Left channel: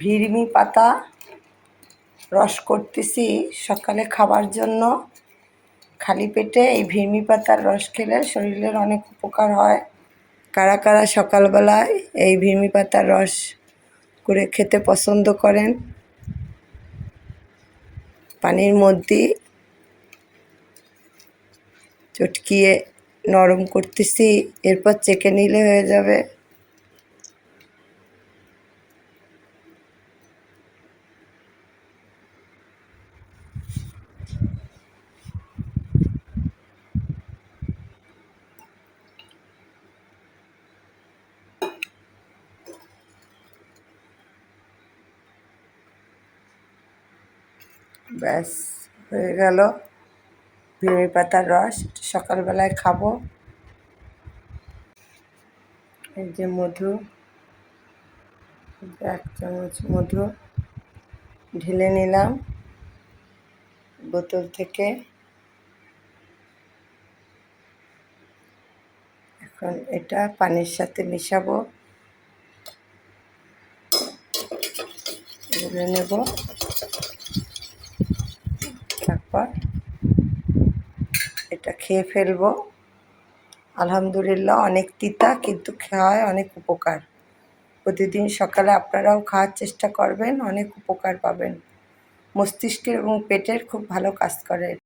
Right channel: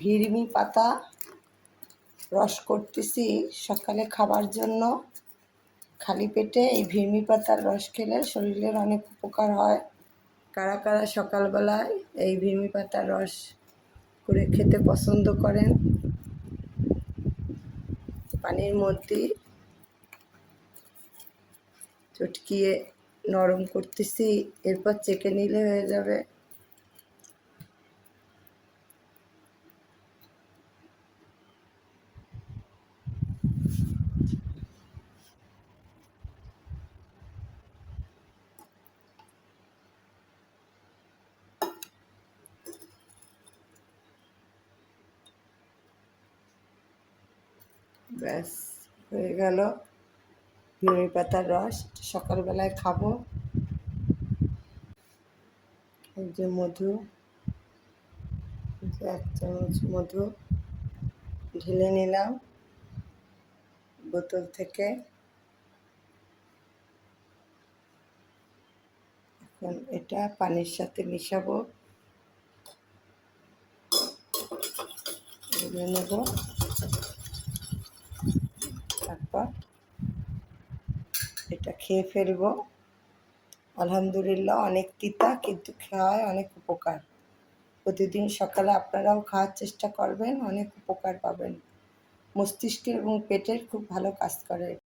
ভিড়মি পাতা রস করতেছি সকালে খাবার জন্য। খালি পেটে এই ভিড়মি পাতার রস খেলে শরীরের অনেক উপকার হয়। কারা কারা সকালবেলায় এই ভিড়মি পাতার রস করে খেতে পছন্দ করেন? পানির মধ্যে চটকিয়ে নরম করতেছি, এরপর চেকে নিলে হয়ে যাবে। ব্যাস হয়ে গেল ভিড়মি পাতার রস। সকালবেলায় খাবো। এই যে মধু, 1 চামচ মধু ঢেলে নিলাম বোতল থেকে। এখন এটা পানির সাথে মিশাবো, গুলে নেব। তারপর এটা খেয়ে ফেলবো। আলহামদুলিল্লাহ, অনেক তিতা কিন্তু খাওয়ায় অনেক উপকার। প্রতিদিন সকালে আপনারাও খাওয়ার চেষ্টা করবেন, অনেক উপকার পাবেন। মস্তিষ্কের এবং পেটের খুব ভালো কাজ করে।